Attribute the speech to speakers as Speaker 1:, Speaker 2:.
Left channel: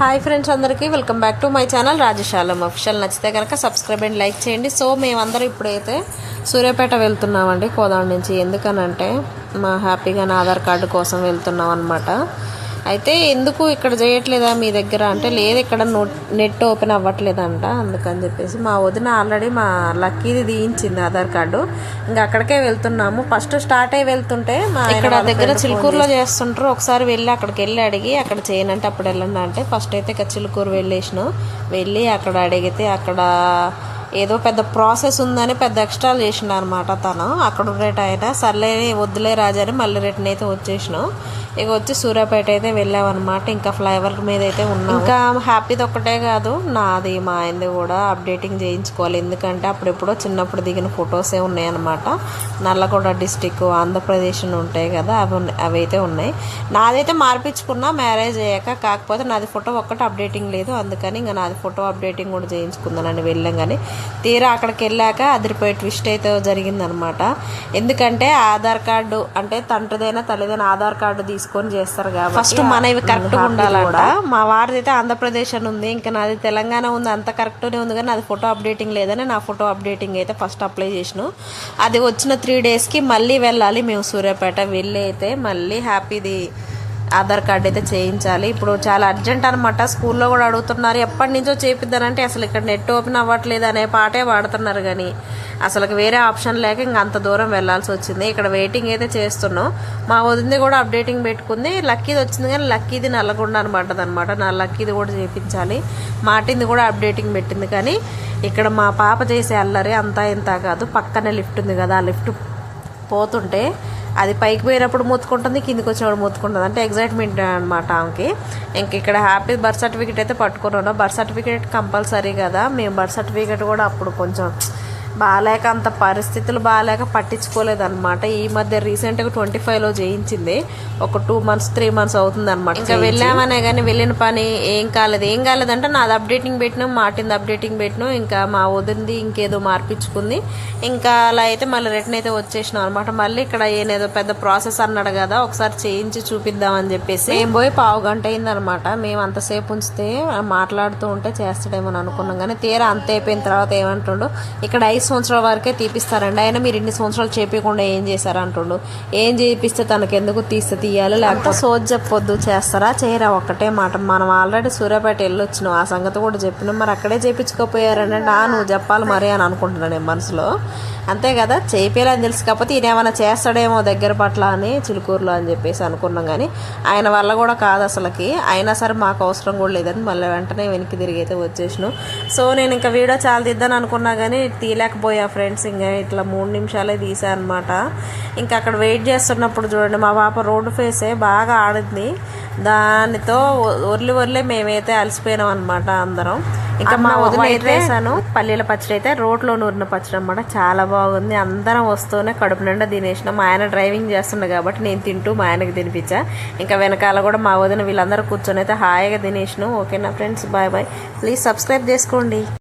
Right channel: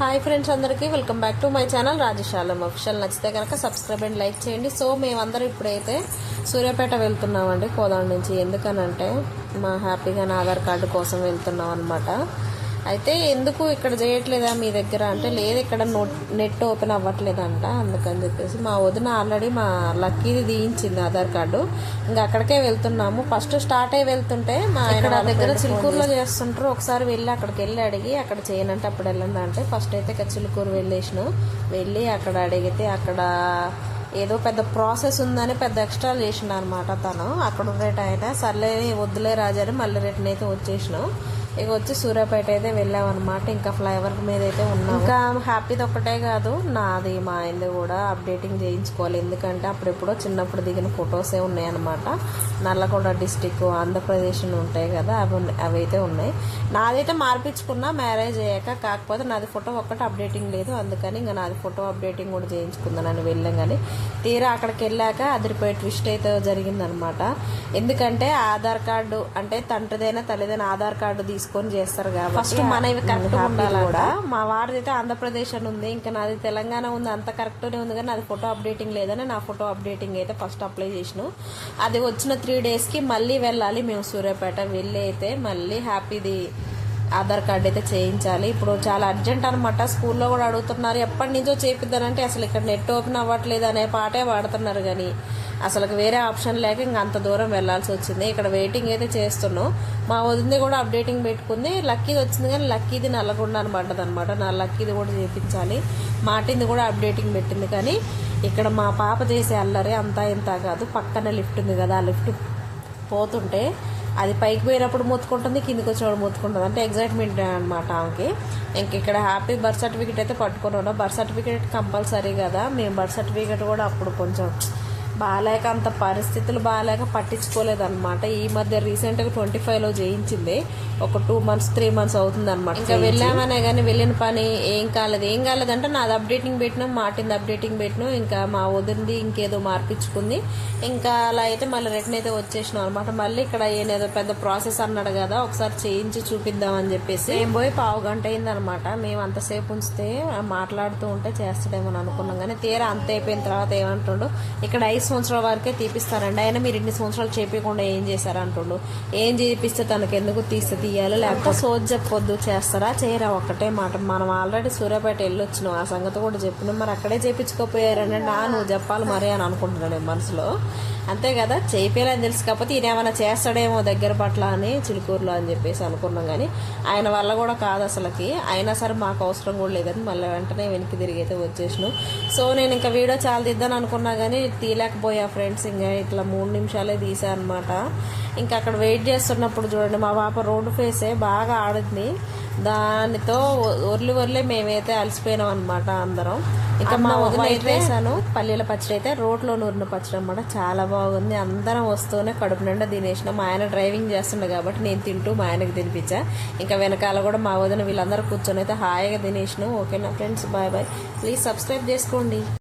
Speaker 1: Hi friends అందరికీ welcome back to my channel Rajashalam official. నచ్చితే కనుక సబ్స్క్రైబ్ అండ్ లైక్ చేయండి. సో మేమందరం ఇప్పుడైతే సూర్యాపేట వెళ్తున్నామండి కోదాడ నుంచి. ఎందుకనంటే మా హ్యాపీగా నా ఆధార్ కార్డు కోసం వెళ్తున్నాం అనమాట అయితే ఎందుకు ఇక్కడ చేయట్లేదా మీ దగ్గర? అంటే లేదు ఇక్కడ నోట్ నెట్ ఓపెన్ అవ్వట్లేదంట అందుకని చెప్పేసి మా వదిన ఆల్రెడీ మా లక్కీది తీయించింది ఆధార్ కార్డు. ఇంకా అక్కడికే వెళ్తున్నాము. ఫస్ట్ స్టార్ట్ అయ్యి వెళ్తుంటే మా ఇక్కడ దగ్గర చిలుకూరులో చేస్తుంటారు. ఒకసారి వెళ్ళి అక్కడికి వెళ్ళి అడిగి అక్కడ చేయనంటే అప్పుడు వెళ్ళండి అంటే ఫస్ట్ అయితే ఇక చిలుకూరు వెళ్ళేసినాం. వెళ్ళి అక్కడ అడిగితే అక్కడ ఏదో పెద్ద ప్రాసెస్ ఉందని పెద్ద ఎక్స్ట్రాలు చేసిండు అనమాట తను. అక్కడ ఉండేట ఆయన సర్లే వద్దులే రాజని మళ్ళీ రిటర్న్ అయితే వచ్చేసినాం. ఇక వచ్చి సూర్యాపేట అయితే వెళ్ళామన్నమాట. ఇంకా ఫ్లైఓవర్ మీద అయితే ఉన్నాం ఇంకా హ్యాపీది ఒక్కటే కాదు నాది మా ఆయనది కూడా అప్డేటింగ్ చేయించుకోవాలి. ఎందుకంటే అప్పుడెప్పుడో చిన్నప్పుడు దిగిన ఫొటోసే ఉన్నాయన్నమాట. నల్లగొండ డిస్టిక్ ఆంధ్రప్రదేశ్ ఉంటాయి కదా అవి అవైతే అవి అయితే ఉన్నాయి. నాదైతే మార్పించుకున్నా మ్యారేజ్ అయ్యాక కాకపోతే నాది ఫోటో ఒక్కటి అప్డేటింగ్ లేదు. అందుకని ఇంకా నాది ఫోటో అప్డేటింగ్ కూడా చేయించుకుందానని వెళ్ళాం కానీ తీరా అక్కడికి వెళ్ళాక అదిరిపోయే ట్విస్ట్ అయితే జరిగిందనమాట ఎందుకంటే ఆధార్ కార్డు అంటే తండ్రిదైనా తల్లిదైనా ఆధార్ కార్డు తీసుకొని చేస్తారు కాబట్టి ఫస్ట్ మనవి కరెక్ట్ ఉండాలి కూడా. మా వారిది అయితే ఆంధ్రప్రదేశ్ అని ఉంది. ఇంకా నాది తెలంగాణ ఉంది. అంత కరెక్ట్నే ఉంది. కానీ నాది ఫోటో అప్డేటింగ్ లేదని నా ఫోటో అప్డేటింగ్ అయితే ఫస్ట్ అప్లై చేసినాం. అది వచ్చిన త్రీ డేస్కి మళ్ళీ వెళ్ళాలి మేము సూర్యాపేట. వెళ్ళి అయితే మళ్ళీ హ్యాపీది ఆధార్ కార్డ్ అయితే చేయించాలి. ఇప్పుడు చాలా అర్జెంట్ అనమాట స్కూల్లో కూడా అడుగుతున్నారు. ఎప్పటి నుంచో చేపిద్దానంటే అసలు ఇక్కడ నెట్ ఓపెన్ అవ్వట్లేదు అనే పాటే వాడుతున్నారు కానీ. అసలు వేరే ఆప్షన్ లేక ఇంకా అంత దూరం వెళ్ళాల్సి వచ్చింది. ఇక్కడ వెయిటింగ్ అయితే చేస్తున్నాం. మా వదింది కూడా అప్డేటింగ్ పెట్టుకుంది. లక్కీది వచ్చింది కానీ లక్కీది నల్లగొండ అనమాట అనమాట నా లక్కీది కూడా చేయించాలి మాటింది కూడా అప్డేటింగ్ పెట్టింది కానీ ఇక్కడ మా పాప చేసే అల్లరి అంతా ఇంత కాదు. పక్కనే లిఫ్ట్ ఉంది కదా ఆ లిఫ్ట్ పోతుంటే అది పైకి పోయినప్పుడు మూతుకుంటుంది కిందికి వచ్చేవాడు మూతుకుంటుంది. అంటే ఎగ్జైట్మెంట్ అనమాట ఆమెకి. ఇంక ఇక్కడ హ్యాపీ బర్త్ సర్టిఫికేట్ అయితే పట్టుకున్నాను. బర్త్ సర్టిఫికేట్ కంపల్సరీ కదా. మేము బర్త్ సర్టిఫికేట్ కూడా అప్పుడు కొంచెం బాగాలేక అంత పరిస్థితులు బాగాలేక పట్టించుకోలేదన్నమాట. ఈ మధ్య రీసెంట్గా ట్వంటీ ఫైవ్లో చేయించింది ఒక టూ మంత్స్ త్రీ మంత్స్ అవుతుంది అనమాట ఇంకా వెళ్ళామనే కానీ వెళ్ళిన పని ఏం కాలేదు. ఏం కాలేదంటే నాది అప్డేటింగ్ పెట్టినాం మాటింది అప్డేటింగ్ పెట్టినాం. ఇంకా మా వదిలింది ఇంకేదో మార్పించుకుంది. ఇంకా అలా అయితే మళ్ళీ రిటర్న్ అయితే వచ్చేసినాం అనమాట మళ్ళీ ఇక్కడ ఏనేదో పెద్ద ప్రాసెస్ అన్నాడు కదా ఒకసారి చేయించి చూపిద్దామని చెప్పేసి. ఏం పోయి పావు గంట అయిందనమాట మేము అంతసేపు ఉంచితే మాట్లాడుతూ ఉంటే చేస్తాడేమో అని అనుకున్నాం. కానీ తీరా అంత అయిపోయిన తర్వాత ఏమంటుండు ఇక్కడ ఐదు సంవత్సరాల వరకే తీపిస్తారండి? అయినా మీరు ఇన్ని సంవత్సరాలు చేపించకుండా ఏం చేశారు అంటుండు? ఏం చేపిస్తే తనకు ఎందుకు తీస్తే తీయాలి? లేకపోతే సోజ్ చెప్పొద్దు చేస్తారా? చేయరా? ఒక్కటే మాట. మనం ఆల్రెడీ సూర్యాపేట వెళ్ళొచ్చినాం. ఆ సంగతి కూడా చెప్పినాం. మరి అక్కడే చేపించుకోపోయారని నా నువ్వు చెప్పాలి మరి అని అనుకుంటున్నాను నేను మనసులో. అంతే కదా? చేయిపోయాలని తెలుసు. కాకపోతే ఈయన ఏమైనా చేస్తాడేమో దగ్గర పట్ల అని చిలుకూరులో అని చెప్పేసి అనుకున్నాం కానీ ఆయన వల్ల కూడా కాదు అసలుకి. అయినా సరే మాకు అవసరం కూడా లేదని మళ్ళీ వెంటనే వెనక్కి తిరిగి అయితే వచ్చేసినాం. సో నేను ఇంకా వీడియో చాలా తీద్దాను అనుకున్నా కానీ తీయలేకపోయా ఫ్రెండ్స్ ఇంకా ఇట్లా మూడు నిమిషాలే తీసా అనమాట ఇంకా అక్కడ వెయిట్ చేస్తున్నప్పుడు చూడండి మా పాప రోడ్డు ఫేసే బాగా ఆడింది. దానితో ఒర్లి ఒర్లే మేమైతే అలసిపోయినాం అనమాట అందరం. ఇంకా మా అయితే వేసాను పల్లీల పచ్చడి అయితే రోడ్లో నూరిన పచ్చడి అనమాట చాలా బాగుంది. అందరం వస్తూనే కడుపు నిండా తినేసినాం. మా ఆయన డ్రైవింగ్ చేస్తుండే కాబట్టి నేను తింటూ మా ఆయనకి తినిపించా. ఇంకా వెనకాల కూడా మా వదిన వీళ్ళందరూ కూర్చొని అయితే హాయిగా తినేసినాం. ఓకేనా friends? Bye bye. Please subscribe చేసుకోండి.